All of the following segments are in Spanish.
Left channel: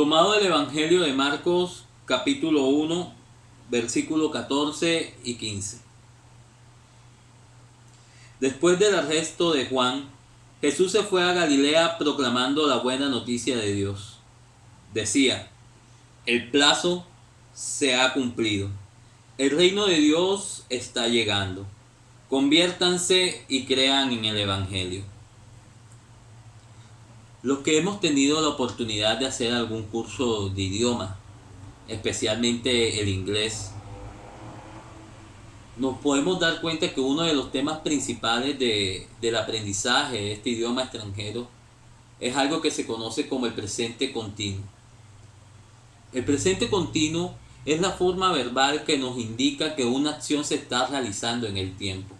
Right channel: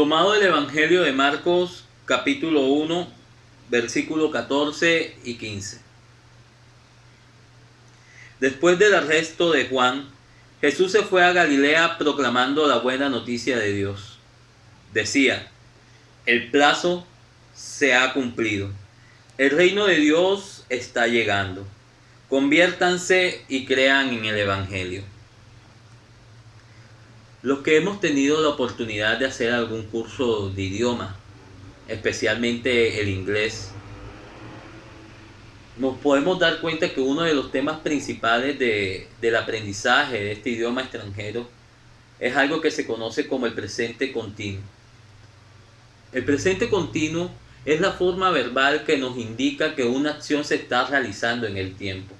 Tomado del Evangelio de Marcos, capítulo 1, versículo 14 y 15. Después del arresto de Juan, Jesús se fue a Galilea proclamando la buena noticia de Dios. Decía: el plazo se ha cumplido. El reino de Dios está llegando. Conviértanse y crean en el Evangelio. Los que hemos tenido la oportunidad de hacer algún curso de idioma, especialmente el inglés, nos podemos dar cuenta que uno de los temas principales del aprendizaje de este idioma extranjero es algo que se conoce como el presente continuo. El presente continuo es la forma verbal que nos indica que una acción se está realizando en el tiempo,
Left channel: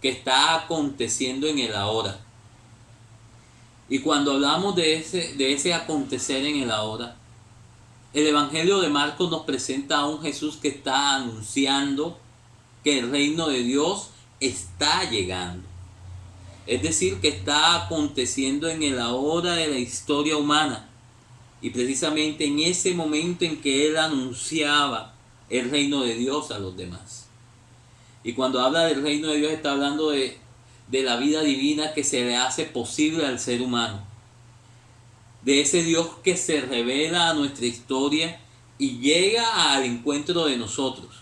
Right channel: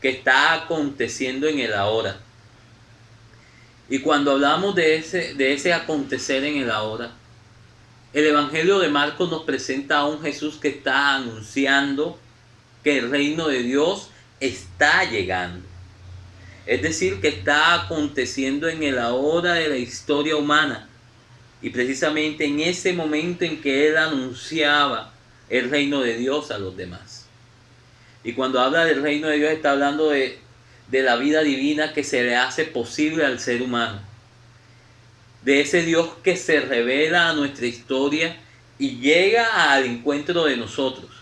que está aconteciendo en el ahora. Y cuando hablamos de ese acontecer en el ahora, el Evangelio de Marcos nos presenta a un Jesús que está anunciando que el reino de Dios está llegando. Es decir, que está aconteciendo en el ahora de la historia humana. Y precisamente en ese momento en que Él anunciaba el reino de Dios a los demás. Y cuando habla del reino de Dios está hablando de la vida divina que se le hace posible al ser humano. De ese Dios que se revela a nuestra historia y llega al encuentro de nosotros.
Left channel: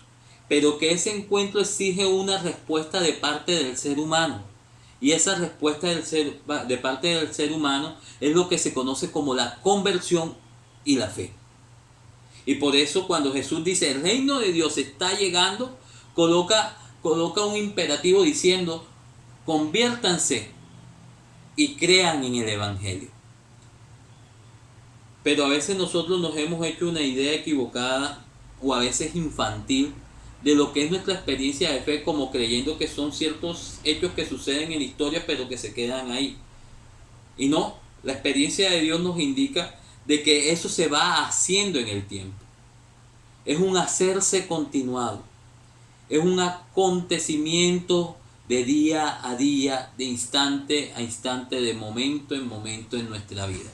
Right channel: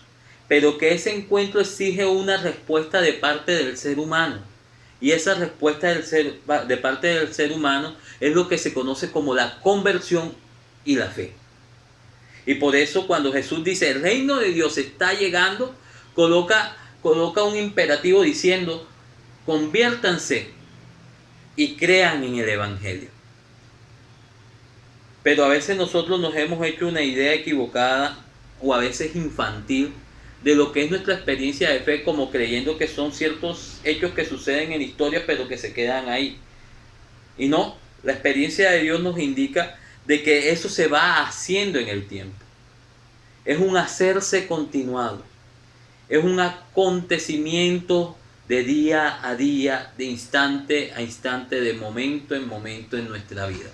Pero que ese encuentro exige una respuesta de parte del ser humano. Y esa respuesta de parte del ser humano es lo que se conoce como la conversión y la fe. Y por eso cuando Jesús dice el reino de Dios está llegando, coloca un imperativo diciendo: conviértanse y crean en el Evangelio. Pero a veces nosotros nos hemos hecho una idea equivocada o a veces infantil de lo que es nuestra experiencia de fe, como creyendo que son ciertos hechos que suceden en la historia pero que se quedan ahí. Y no, la experiencia de Dios nos indica de que eso se va haciendo en el tiempo. Es un hacerse continuado. Es un acontecimiento de día a día, de instante a instante, de momento en momento en nuestra vida.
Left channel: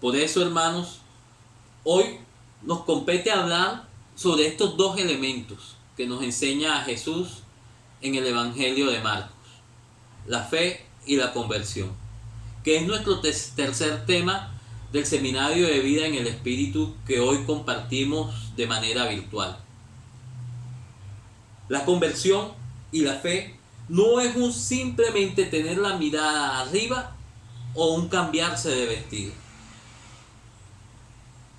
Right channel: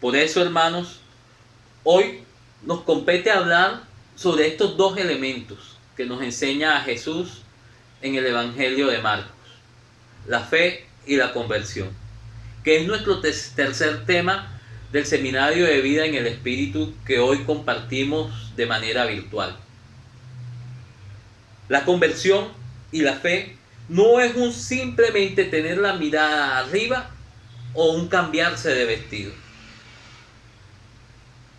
Por eso, hermanos, hoy nos compete hablar sobre estos dos elementos que nos enseña Jesús en el Evangelio de Marcos: la fe y la conversión, que es nuestro tercer tema del Seminario de Vida en el Espíritu que hoy compartimos de manera virtual. La conversión y la fe no es un simplemente tener la mirada arriba o un cambiarse de vestido.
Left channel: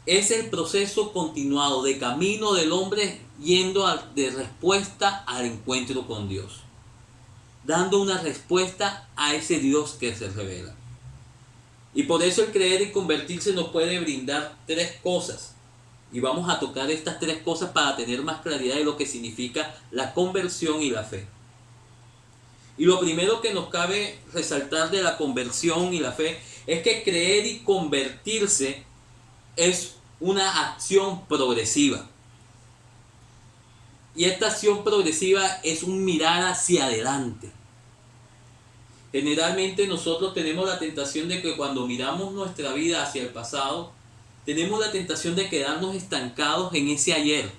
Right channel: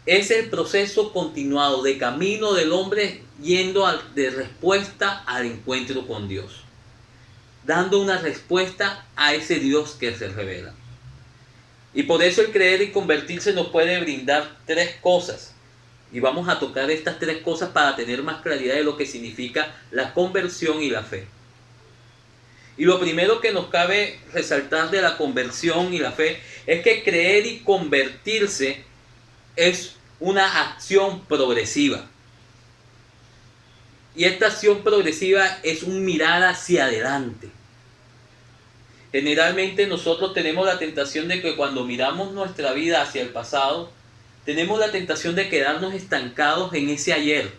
Es el proceso continuado de camino del hombre yendo de respuesta al encuentro con Dios, dando una respuesta a ese Dios que se revela. Y por eso el creer y convertirse nos puede brindar tres cosas. Y vamos a tocar estas tres cosas para tener más claridad de lo que significa la conversión y la fe. Y lo primero que nos cabe resaltar de la conversión y la fe es que creer y convertirse es una acción progresiva. Y esta acción progresiva es un mirar hacia adelante. Generalmente nosotros tenemos la tentación de que cuando miramos nuestra vida hacia el pasado, tenemos la tentación de quedarnos estancados en ese ayer.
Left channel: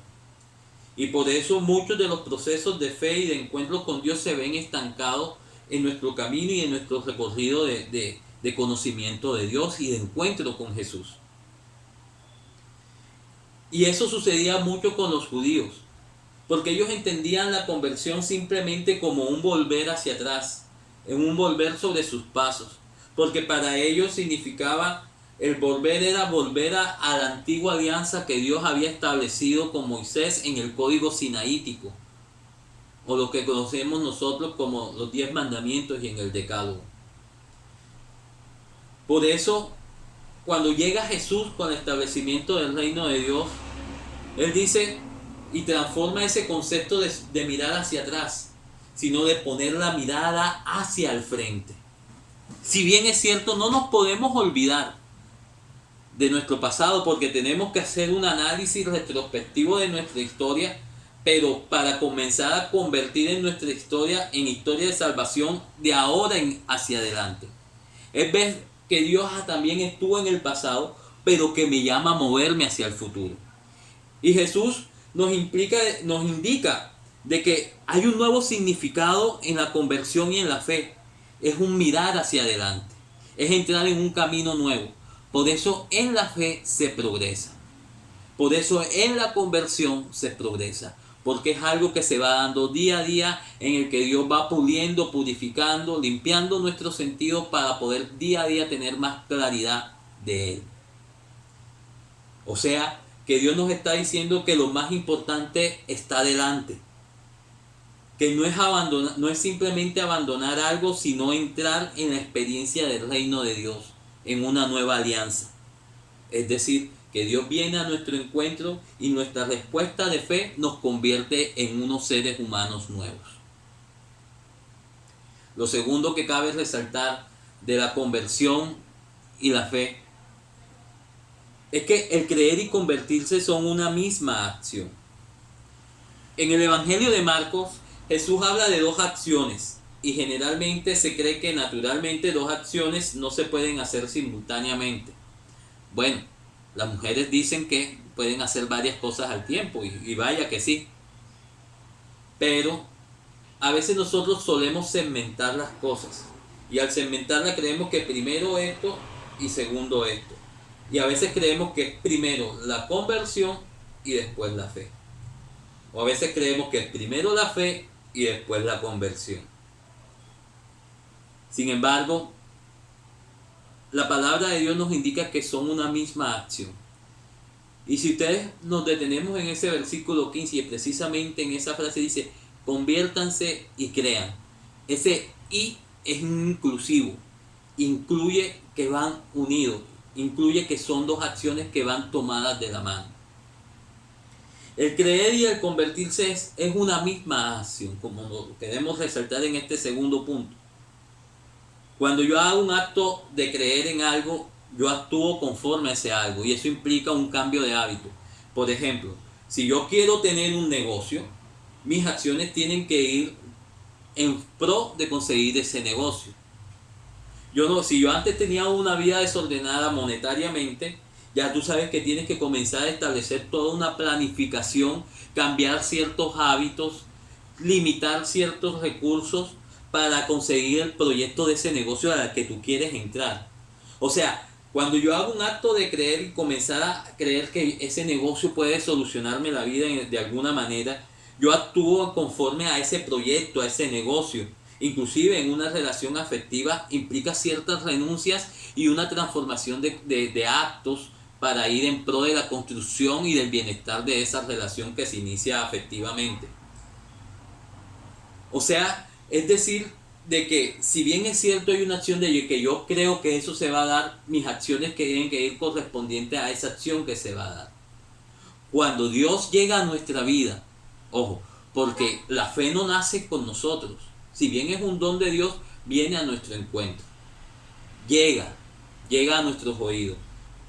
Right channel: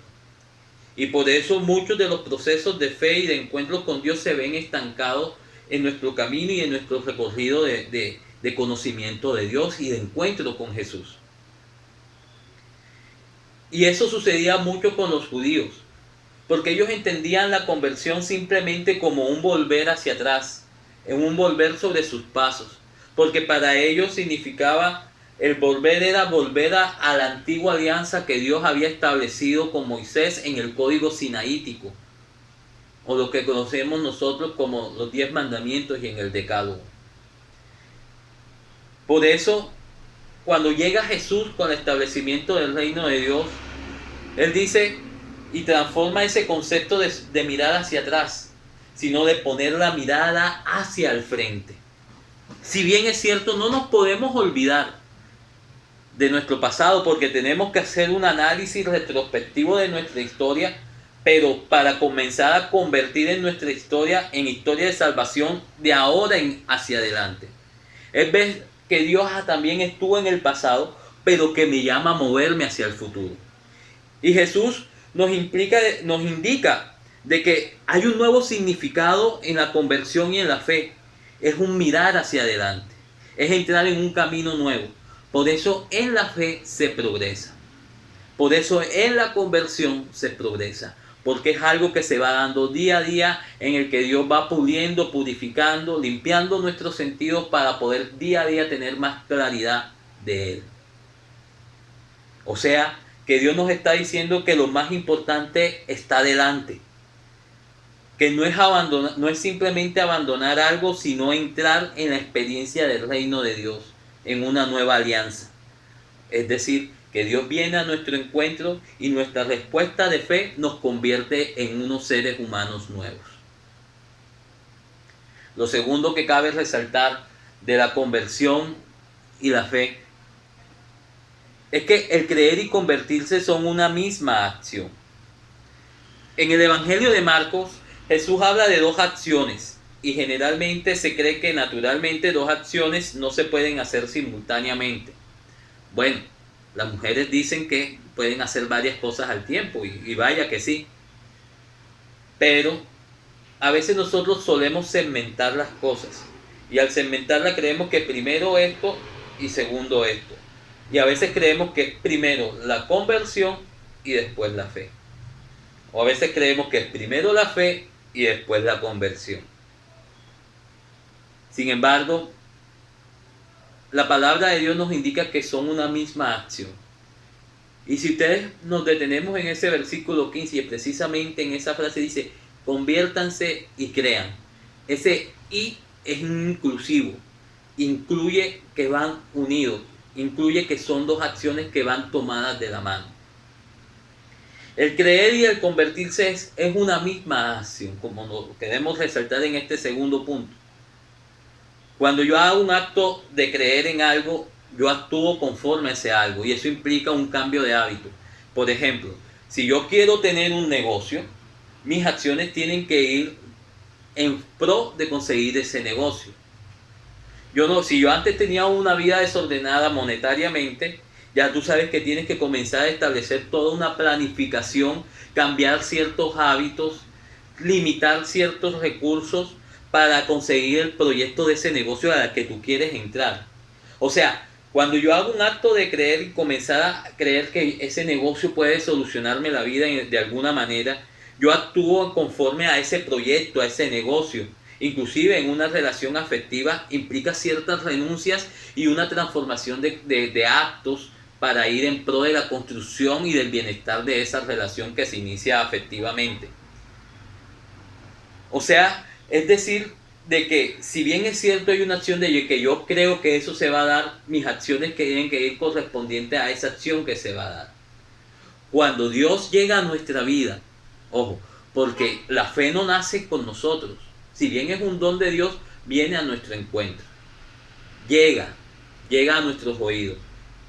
Y por eso muchos de los procesos de fe y de encuentro con Dios se ven estancados en nuestro camino y en nuestro recorrido de conocimiento de Dios y de encuentro con Jesús. Y eso sucedía mucho con los judíos, porque ellos entendían la conversión simplemente como un volver hacia atrás, en un volver sobre sus pasos, porque para ellos significaba, el volver era volver a la antigua alianza que Dios había establecido con Moisés en el código sinaítico, o lo que conocemos nosotros como los 10 mandamientos y en el decálogo. Por eso, cuando llega Jesús con el establecimiento del reino de Dios, Él dice y transforma ese concepto de mirar hacia atrás, sino de poner la mirada hacia el frente. Si bien es cierto, no nos podemos olvidar de nuestro pasado porque tenemos que hacer un análisis retrospectivo de nuestra historia, pero para comenzar a convertir en nuestra historia en historia de salvación de ahora hacia adelante. que Dios también estuvo en el pasado, pero que me llama a moverme hacia el futuro. Y Jesús nos indica de que hay un nuevo significado en la conversión y en la fe. Es un mirar hacia adelante, es entrar en un camino nuevo. Por eso en la fe se progresa. Por eso en la conversión se progresa. Porque es algo que se va dando día a día, en el que Dios va puliendo, purificando, limpiando nuestros sentidos para poder día a día tener más claridad de Él. O sea, que Dios nos está diciendo que lo más importante está delante. Que no es simplemente abandonar algo, sino entrar en la experiencia del reino de Dios, en una nueva alianza. Es decir, que Dios viene a nuestro encuentro y nuestra respuesta de fe nos convierte en unos seres humanos nuevos. Lo segundo que cabe resaltar de la conversión y la fe es que el creer y convertirse son una misma acción. En el Evangelio de Marcos, Jesús habla de dos acciones y generalmente se cree que naturalmente dos acciones no se pueden hacer simultáneamente. Bueno, las mujeres dicen que pueden hacer varias cosas al tiempo y vaya que sí. Pero a veces nosotros solemos segmentar las cosas y al segmentarlas creemos que primero esto y segundo esto. Y a veces creemos que primero la conversión y después la fe. O a veces creemos que es primero la fe y después la conversión. Sin embargo, la palabra de Dios nos indica que son una misma acción. Y si ustedes nos detenemos en ese versículo 15 y precisamente en esa frase dice, conviértanse y crean. Ese y es inclusivo, incluye que van unidos, incluye que son dos acciones que van tomadas de la mano. El creer y el convertirse es una misma acción, como lo queremos resaltar en este segundo punto. Cuando yo hago un acto de creer en algo, yo actúo conforme a ese algo y eso implica un cambio de hábito. Por ejemplo, si yo quiero tener un negocio, mis acciones tienen que ir en pro de conseguir ese negocio. Si yo antes tenía una vida desordenada monetariamente, ya tú sabes que tienes que comenzar a establecer toda una planificación, cambiar ciertos hábitos, limitar ciertos recursos para conseguir el proyecto de ese negocio al que tú quieres entrar. O sea, cuando yo hago un acto de creer y comenzar a creer que ese negocio puede solucionarme la vida de alguna manera, yo actúo conforme a ese proyecto, a ese negocio. Inclusive en una relación afectiva implica ciertas renuncias y una transformación de actos para ir en pro de la construcción y del bienestar de esa relación que se inicia afectivamente. O sea, es decir, de que si bien es cierto hay una acción de que yo creo que eso se va a dar, mis acciones que tienen que ir correspondientes a esa acción que se va a dar. Cuando Dios llega a nuestra vida, ojo, porque la fe no nace con nosotros, si bien es un don de Dios, viene a nuestro encuentro, llega a nuestros oídos.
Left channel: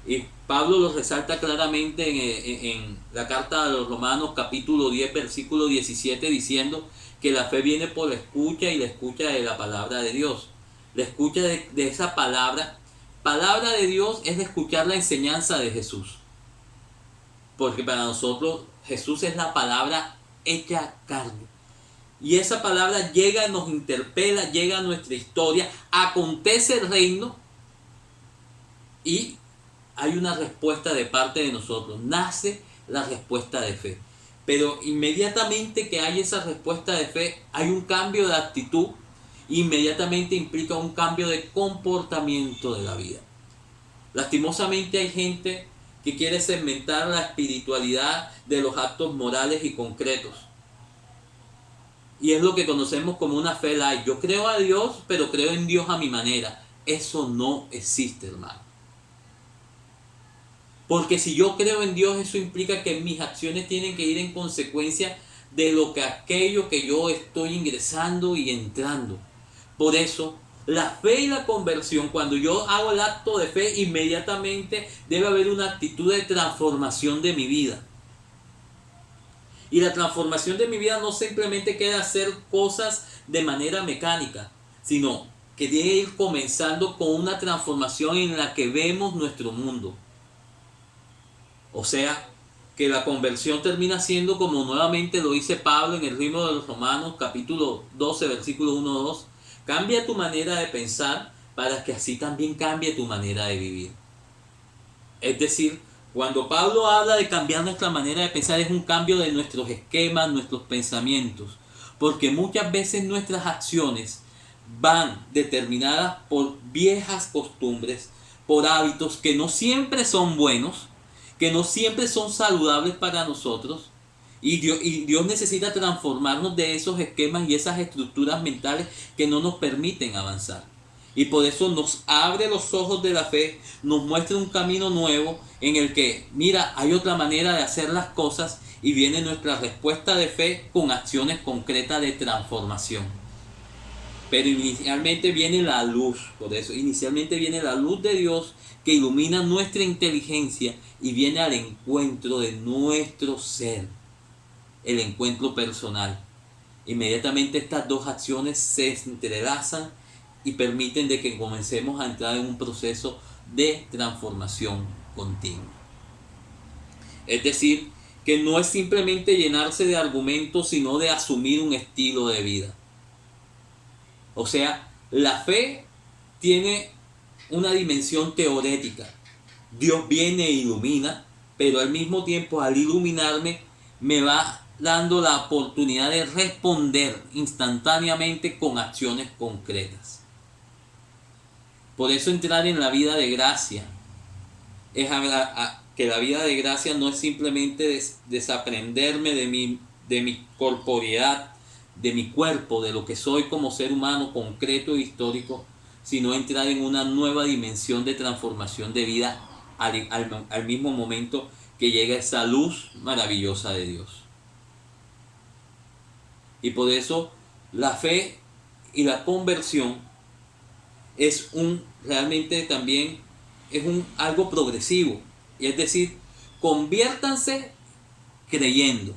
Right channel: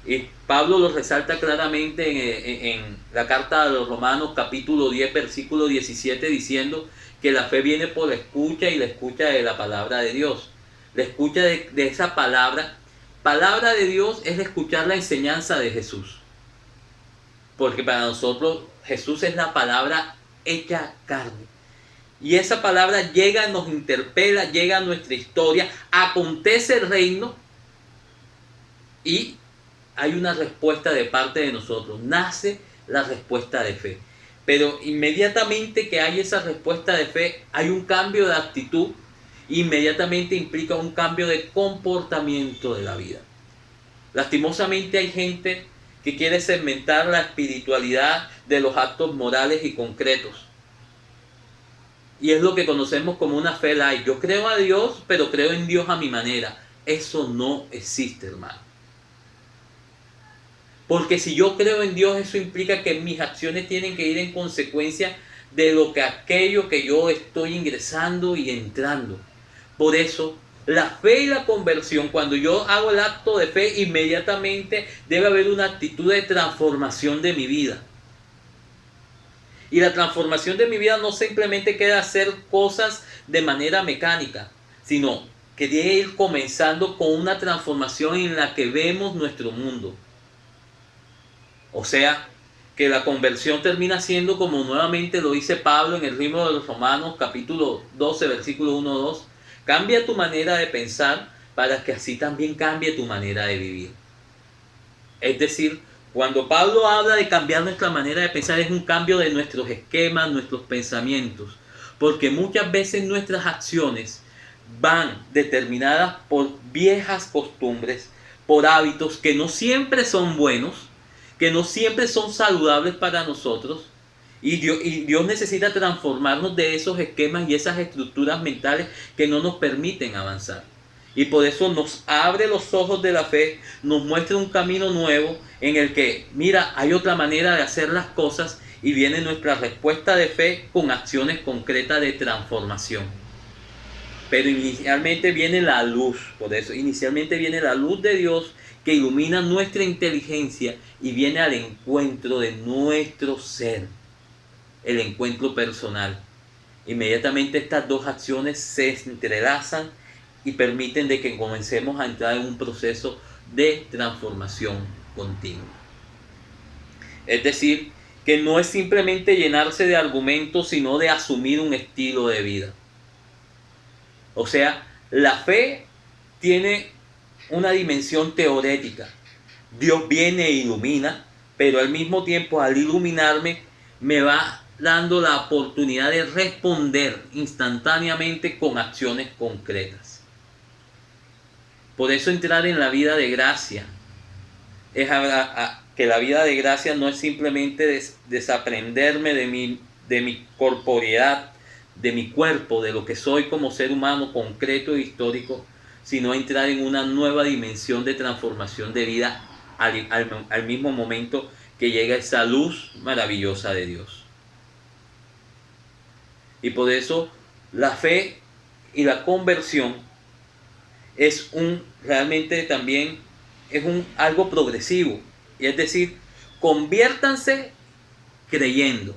Y Pablo lo resalta claramente en la carta a los Romanos capítulo 10 versículo 17 diciendo que la fe viene por la escucha y la escucha de la palabra de Dios. La escucha de esa palabra de Dios es escuchar la enseñanza de Jesús. Porque para nosotros Jesús es la palabra hecha carne. Y esa palabra llega, nos interpela, llega a nuestra historia, acontece el reino y hay una respuesta de parte de nosotros, nace la respuesta de fe. Pero inmediatamente que hay esa respuesta de fe, hay un cambio de actitud, inmediatamente implica un cambio de comportamiento de la vida. Lastimosamente hay gente que quiere segmentar la espiritualidad de los actos morales y concretos. Y es lo que conocemos como una fe light. Yo creo a Dios, pero creo en Dios a mi manera. Eso no existe, hermano. Porque si yo creo en Dios, eso implica que mis acciones tienen que ir en consecuencia de aquello que yo estoy ingresando y entrando. Por eso, la fe y la conversión, cuando yo hago el acto de fe, inmediatamente debe haber una actitud de transformación de mi vida. Y la transformación de mi vida no simplemente queda hacer cosas de manera mecánica, sino quería ir comenzando con una transformación en la que vemos nuestro mundo. O sea, que la conversión termina siendo como nuevamente lo dice Pablo en el libro de los Romanos, capítulo 12, versículo 1-2. Cambia tu manera de pensar para que así también cambie tu manera de vivir. Es decir, cuando Pablo habla de cambiar nuestra manera de pensar, es un cambio de nuestros esquemas, nuestros pensamientos. Porque muchas veces nuestras acciones van determinadas por viejas costumbres, por hábitos que no siempre son buenos, que no siempre son saludables para nosotros. Y Dios necesita transformarnos de esos esquemas y esas estructuras mentales que no nos permiten avanzar. Y por eso nos abre los ojos de la fe, nos muestra un camino nuevo en el que, mira, hay otra manera de hacer las cosas y viene nuestra respuesta de fe con acciones concretas de transformación. Pero inicialmente viene la luz, por eso inicialmente viene la luz de Dios que ilumina nuestra inteligencia y viene al encuentro de nuestro ser, el encuentro personal. Inmediatamente estas dos acciones se entrelazan y permiten de que comencemos a entrar en un proceso de transformación continua. Es decir, que no es simplemente llenarse de argumentos, sino de asumir un estilo de vida. O sea, la fe tiene una dimensión teorética. Dios viene e ilumina, pero al mismo tiempo al iluminarme me va dando la oportunidad de responder instantáneamente con acciones concretas. Por eso entrar en la vida de gracia es que la vida de gracia no es simplemente desaprenderme de mi corporeidad, de mi cuerpo, de lo que soy como ser humano concreto e histórico, sino entrar en una nueva dimensión de transformación de vida al mismo momento que llega esa luz maravillosa de Dios. Y por eso la fe y la conversión realmente también es algo progresivo. Y es decir, conviértanse creyendo.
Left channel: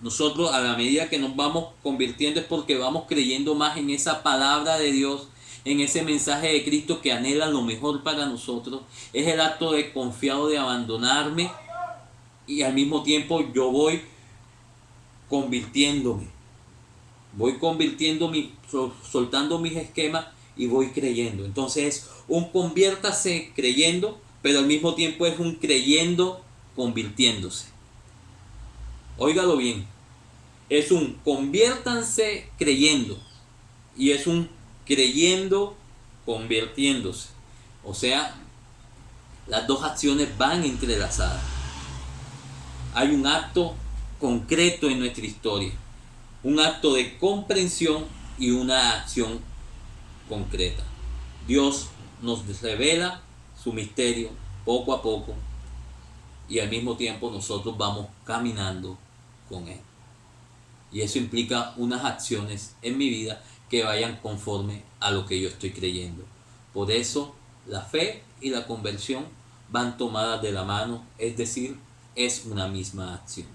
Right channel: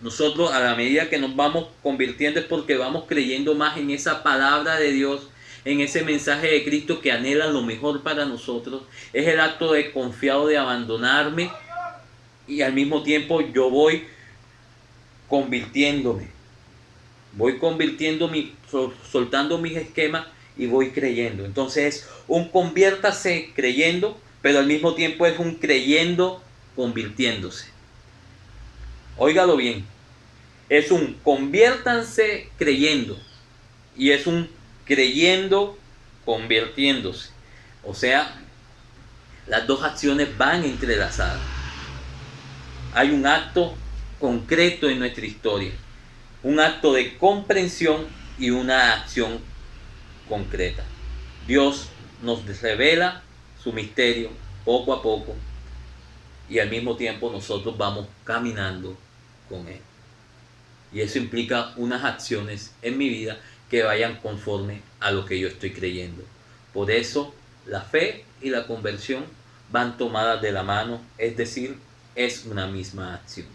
Nosotros a la medida que nos vamos convirtiendo es porque vamos creyendo más en esa palabra de Dios, en ese mensaje de Cristo que anhela lo mejor para nosotros. Es el acto de confiado de abandonarme y al mismo tiempo yo voy convirtiéndome. Voy soltando mis esquemas y voy creyendo. Entonces es un conviértase creyendo, pero al mismo tiempo es un creyendo convirtiéndose. Óigalo bien. Es un conviértanse creyendo y es un creyendo convirtiéndose. O sea, las dos acciones van entrelazadas. Hay un acto concreto en nuestra historia, un acto de comprensión y una acción concreta. Dios nos revela su misterio poco a poco y al mismo tiempo nosotros vamos caminando con Él. Y eso implica unas acciones en mi vida que vayan conforme a lo que yo estoy creyendo. Por eso la fe y la conversión van tomadas de la mano, es decir, es una misma acción.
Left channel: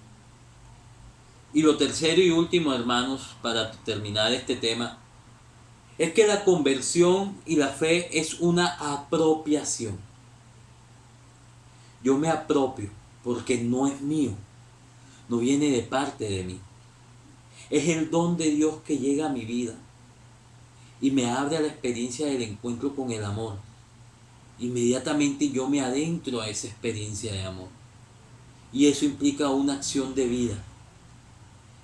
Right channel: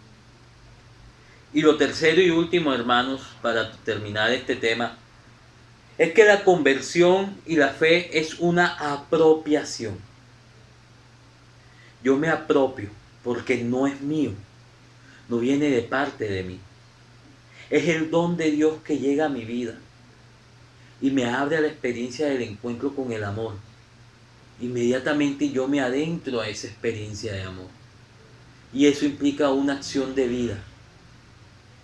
Y lo tercero y último, hermanos, para terminar este tema, es que la conversión y la fe es una apropiación. Yo me apropio porque no es mío, no viene de parte de mí. Es el don de Dios que llega a mi vida y me abre a la experiencia del encuentro con el amor. Inmediatamente yo me adentro a esa experiencia de amor. Y eso implica una acción de vida.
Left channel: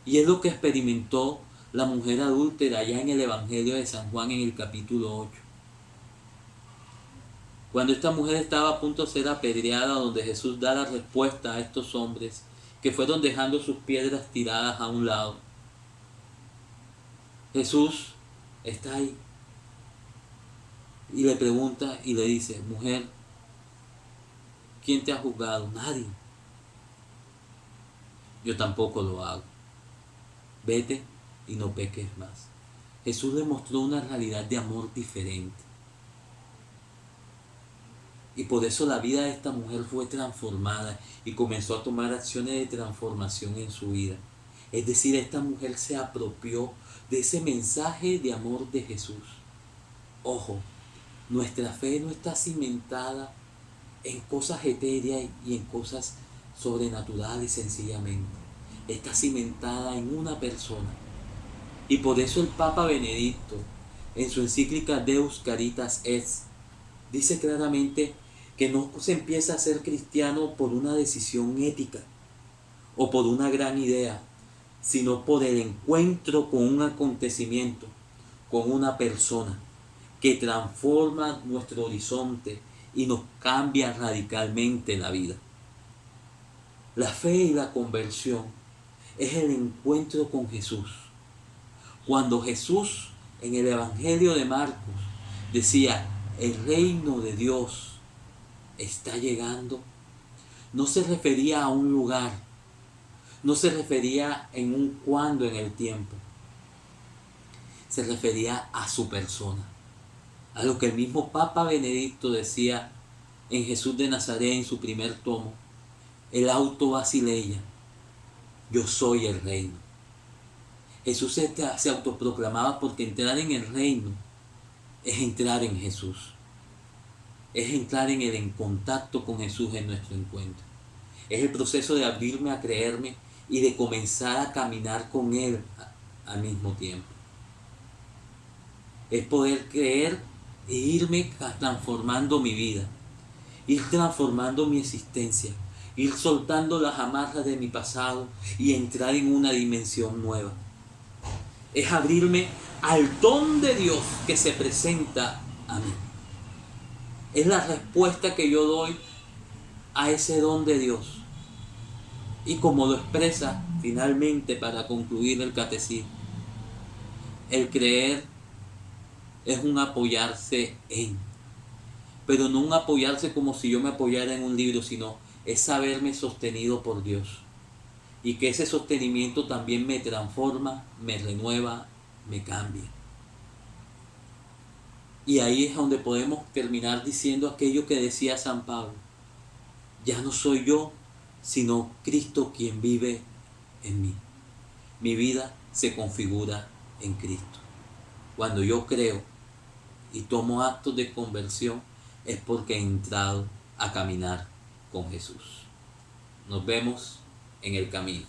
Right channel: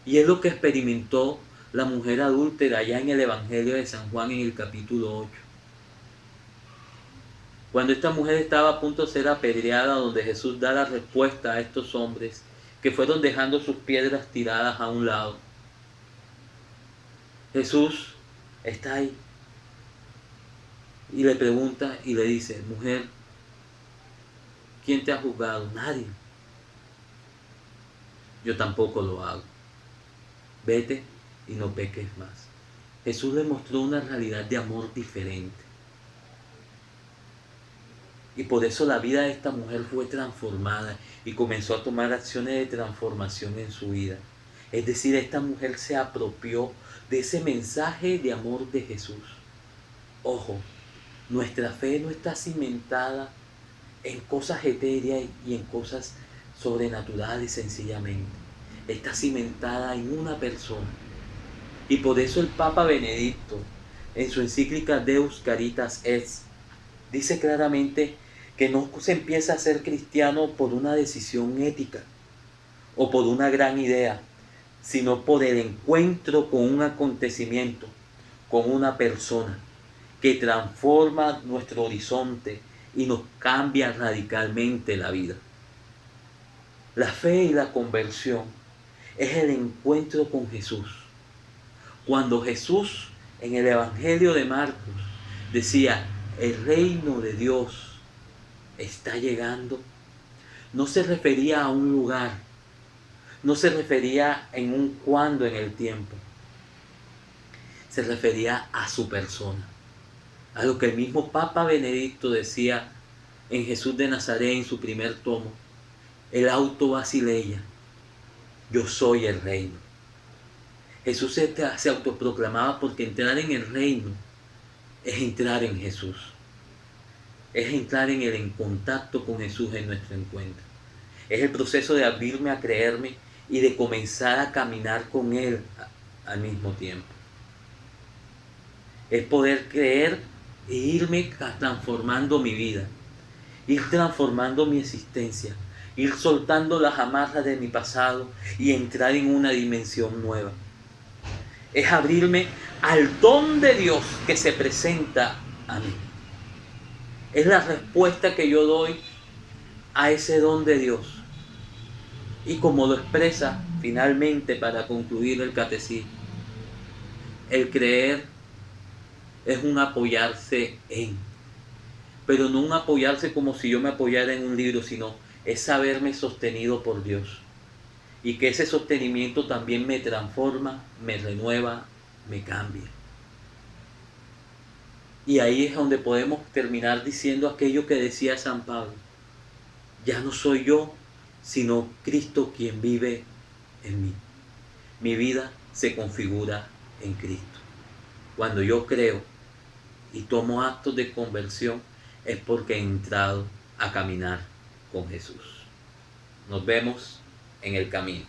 Y es lo que experimentó la mujer adúltera allá en el Evangelio de San Juan en el capítulo 8. Cuando esta mujer estaba a punto de ser apedreada, donde Jesús da la respuesta a estos hombres que fueron dejando sus piedras tiradas a un lado. Jesús está ahí y le pregunta y le dice: mujer, ¿quién te ha juzgado? Nadie. Yo tampoco lo hago. Vete y no peques más. Jesús le mostró una realidad de amor diferente. Y por eso la vida de esta mujer fue transformada y comenzó a tomar acciones de transformación en su vida. Es decir, esta mujer se apropió de ese mensaje de amor de Jesús. Ojo, nuestra fe no está cimentada en cosas etéreas y en cosas sobrenaturales sencillamente. Está cimentada en una persona. Y por eso el Papa Benedicto, en su encíclica Deus Caritas Est, dice claramente que no se empieza a ser cristiano por una decisión ética o por una gran idea, sino por el encuentro con un acontecimiento, con una persona que transforma nuestro horizonte y nos cambia radicalmente la vida. La fe y la conversión es el encuentro con Jesús. Cuando Jesús en el Evangelio de Marcos decía, el reino de Dios está llegando, no se refería a un lugar, no se refería en un cuándo en el tiempo, se refería a su persona, a lo que el mismo Papa Benedicto decía en Jesús de Nazaret en su primer tomo, el Auto Basileia, yo soy el reino. Jesús se autoproclamaba porque entrar en el reino es entrar en Jesús, es entrar en contacto con Jesús en nuestro encuentro. Es el proceso de abrirme a creerme y de comenzar a caminar con Él al mismo tiempo. Es poder creer e irme transformando mi vida, ir transformando mi existencia, ir soltando las amarras de mi pasado y entrar en una dimensión nueva. Es abrirme al don de Dios que se presenta a mí. Es la respuesta que yo doy a ese don de Dios. Y como lo expresa finalmente para concluir el catecismo, el creer es un apoyarse en, pero no un apoyarse como si yo me apoyara en un libro, sino es saberme sostenido por Dios. Y que ese sostenimiento también me transforma, me renueva, me cambia. Y ahí es donde podemos terminar diciendo aquello que decía San Pablo. Ya no soy yo, sino Cristo quien vive en mí. Mi vida se configura en Cristo. Cuando yo creo y tomo actos de conversión es porque he entrado a caminar con Jesús. Nos vemos en el camino.